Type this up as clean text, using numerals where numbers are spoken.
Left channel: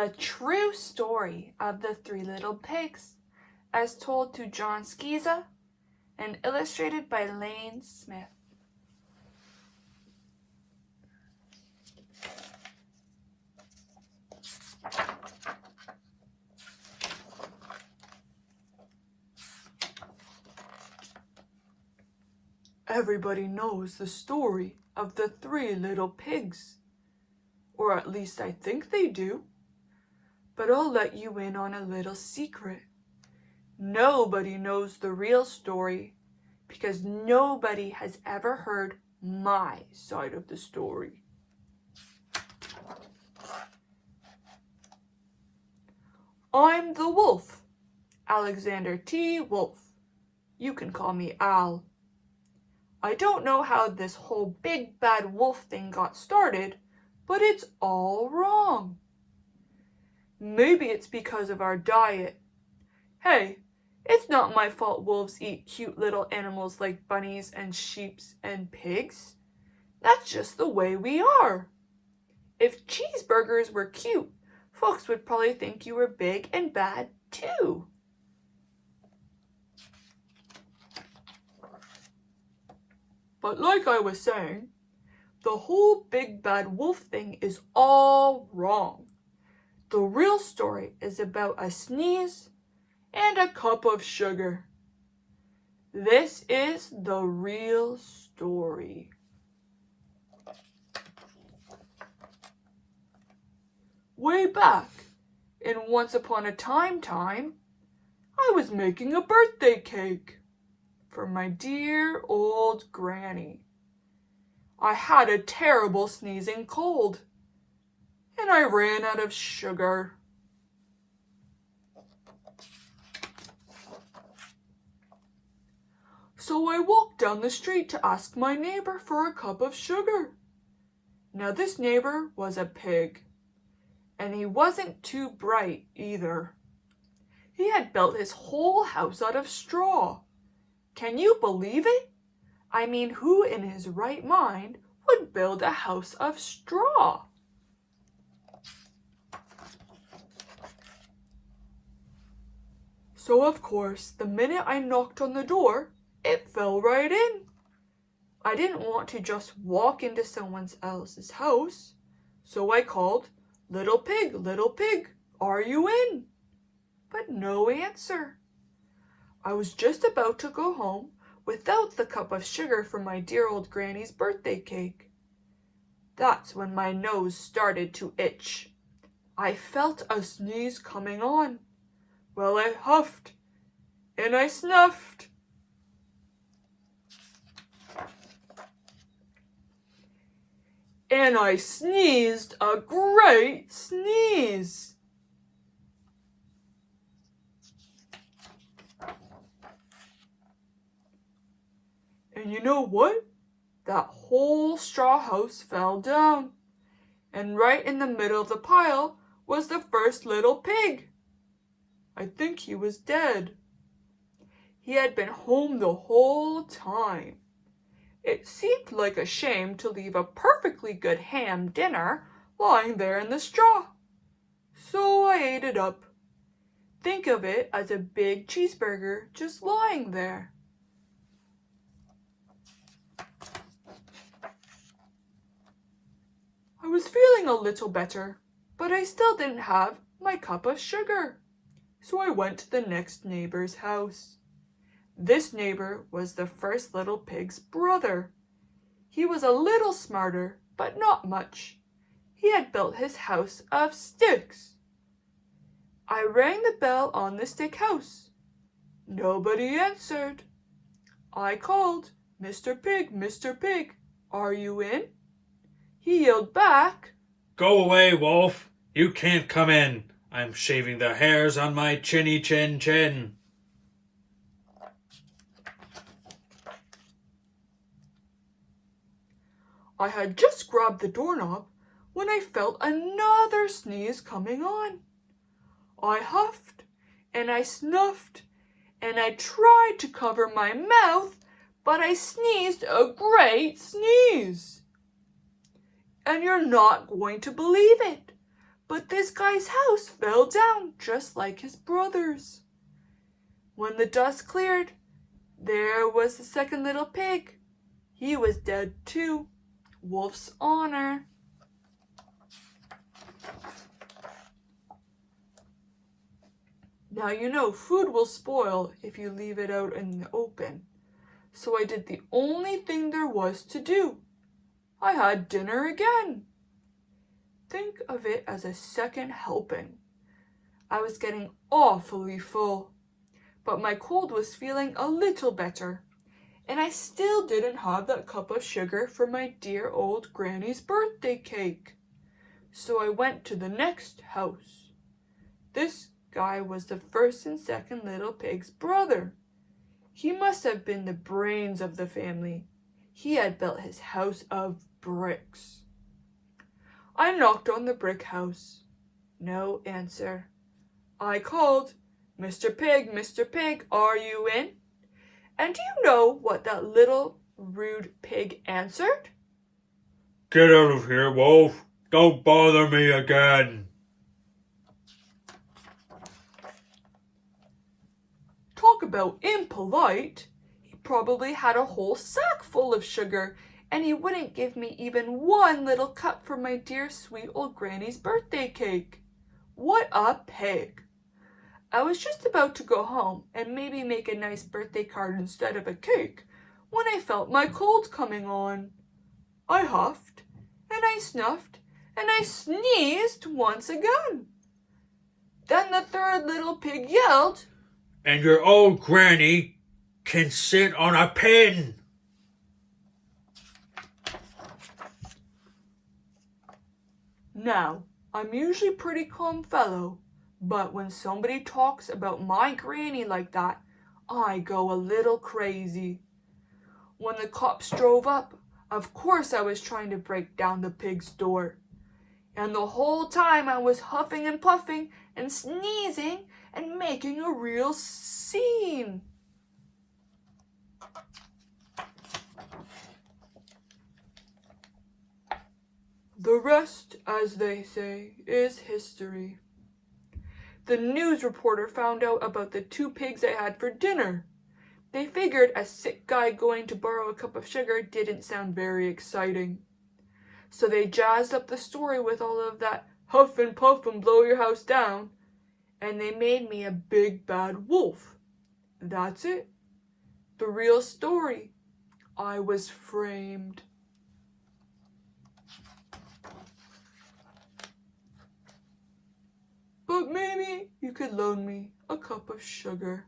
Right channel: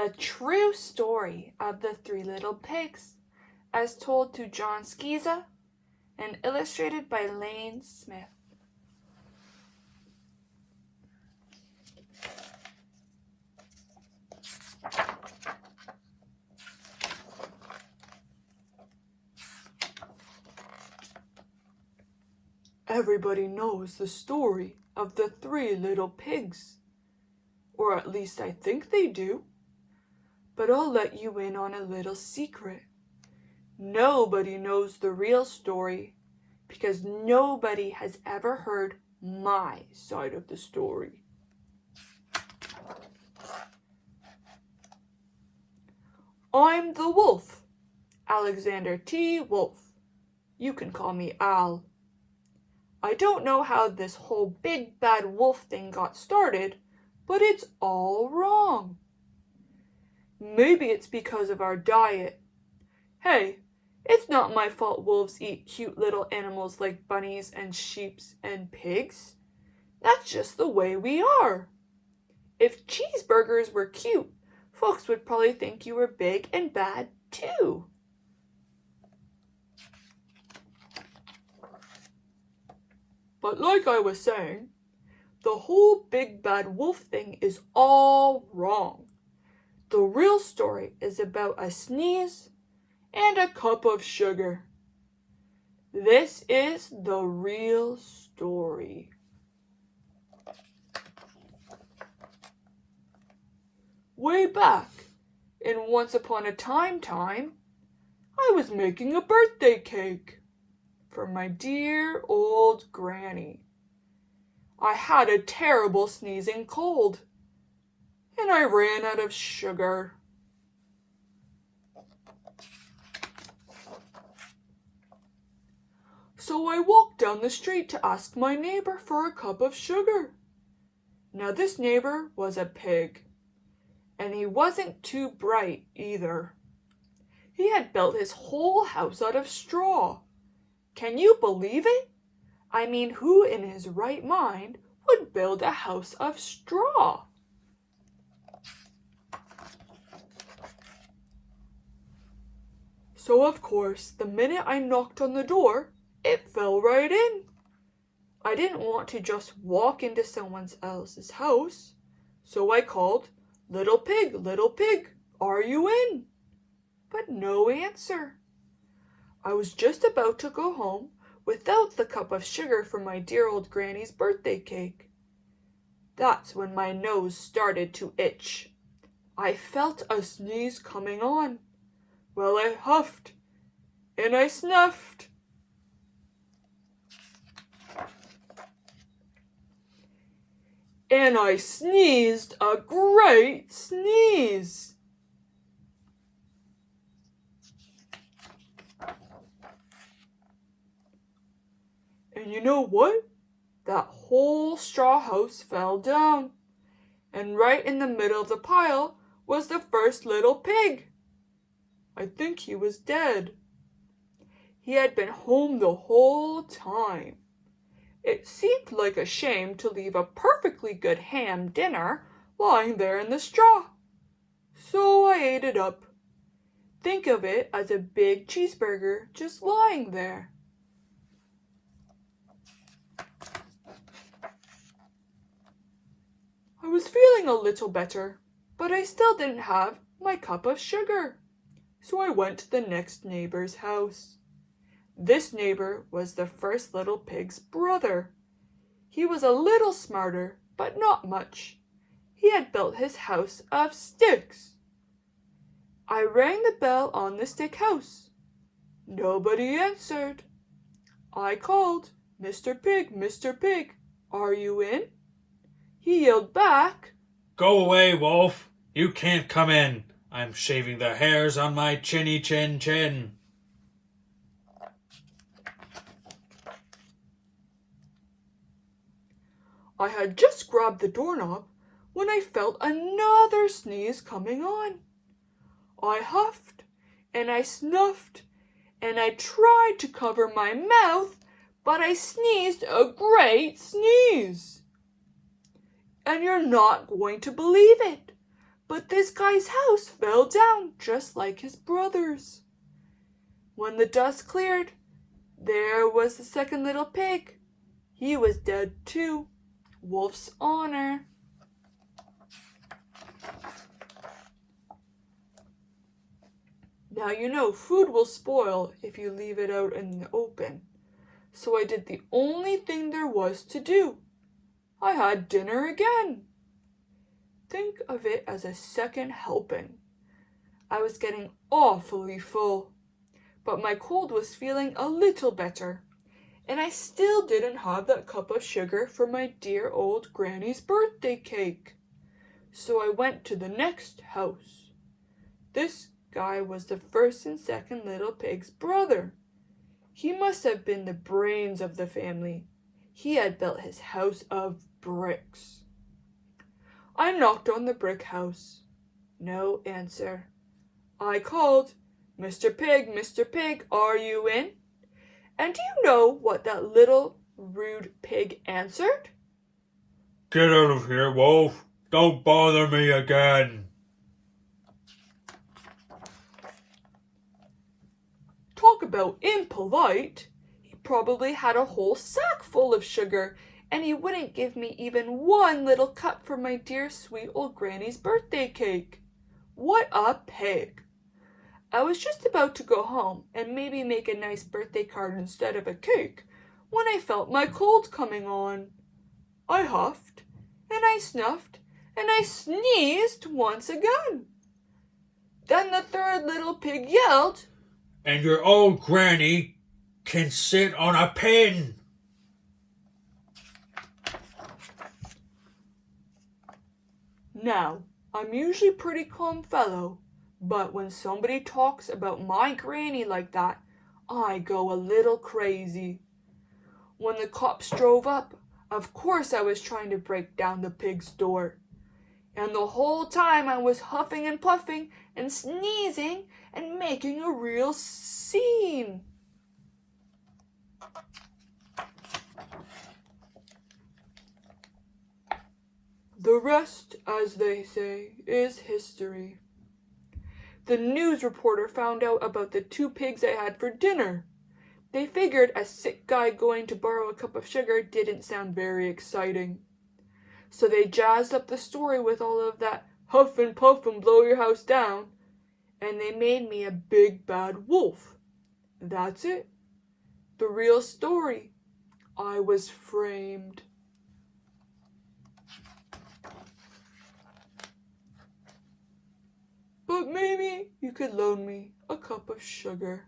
The true story of the three little pigs, as told to Jon Scieszka and illustrated by Lane Smith. Everybody knows the story of the three little pigs, or at least I think they do. But I'll let you in on a little secret. Nobody knows the real story because nobody has ever heard my side of the story. I'm the wolf, Alexander T. Wolf. You can call me Al. I don't know how this whole big bad wolf thing got started, but it's all wrong. Maybe it's because of our diet. Hey, it's not my fault wolves eat cute little animals like bunnies and sheep and pigs. That's just the way we are. If cheeseburgers were cute, folks would probably think you were big and bad too. But like I was saying, the whole big bad wolf thing is all wrong. The real story is about a sneeze and a cup of sugar. This is the real story. Way back, in Once Upon a Time, I was making a birthday cake for my dear old granny. I had a terrible sneezing cold, and I ran out of sugar. So I walked down the street to ask my neighbor for a cup of sugar. Now this neighbor was a pig, and he wasn't too bright either. He had built his whole house out of straw. Can you believe it? I mean, who in his right mind would build a house of straw? So of course, the minute I knocked on the door, it fell right in. I didn't want to just walk into someone else's house, so I called, little pig, are you in? But no answer. I was just about to go home without the cup of sugar for my dear old granny's birthday cake. That's when my nose started to itch. I felt a sneeze coming on. Well, I huffed and I snuffed. And I sneezed a great sneeze. And you know what? That whole straw house fell down. And right in the middle of the pile was the first little pig. I think he was dead. He had been home the whole time. It seemed like a shame to leave a perfectly good ham dinner lying there in the straw. So I ate it up. Think of it as a big cheeseburger just lying there. I was feeling a little better, but I still didn't have my cup of sugar. So I went to the next neighbor's house. This neighbor was the first little pig's brother. He was a little smarter, but not much. He had built his house of sticks. I rang the bell on the stick house. Nobody answered. I called, Mr. Pig, are you in? He yelled back, Go away, wolf. You can't come in. I'm shaving the hairs on my chinny chin. I had just grabbed the doorknob when I felt another sneeze coming on. I huffed and I snuffed and I tried to cover my mouth, but I sneezed a great sneeze. And you're not going to believe it, But this guy's house fell down just like his brother's. When the dust cleared, there was the second little pig. He was dead too. Wolf's honor. Now you know food will spoil if you leave it out in the open. So I did the only thing there was to do. I had dinner again. Think of it as a second helping. I was getting awfully full, but my cold was feeling a little better, and I still didn't have that cup of sugar for my dear old granny's birthday cake. So I went to the next house. This guy was the first and second little pig's brother. He must have been the brains of the family. He had built his house of bricks. I knocked on the brick house. No answer. I called, Mr. Pig, are you in? And do you know what that little rude pig answered? Get out of here, Wolf. Don't bother me again. Talk about impolite. He probably had a whole sack full of sugar, and he wouldn't give me even one little cup for my dear sweet old granny's birthday cake. What a pig! I was just about to go home and maybe make a nice birthday card instead of a cake when I felt my cold coming on. I huffed, and I snuffed, and I sneezed once again. Then the third little pig yelled, And your old granny can sit on a pin. Now, I'm usually a pretty calm fellow, but when somebody talks about my granny like that, I go a little crazy. When the cops drove up, of course I was trying to break down the pig's door. And the whole time I was huffing and puffing and sneezing and making a real scene. The rest, as they say, is history. The news reporter found out about the 2 pigs I had for dinner. They figured a sick guy going to borrow a cup of sugar didn't sound very exciting. So they jazzed up the story with all of that huff and puff and blow your house down, and they made me a big bad wolf. That's it. The real story. I was framed. But maybe you could loan me a cup of sugar.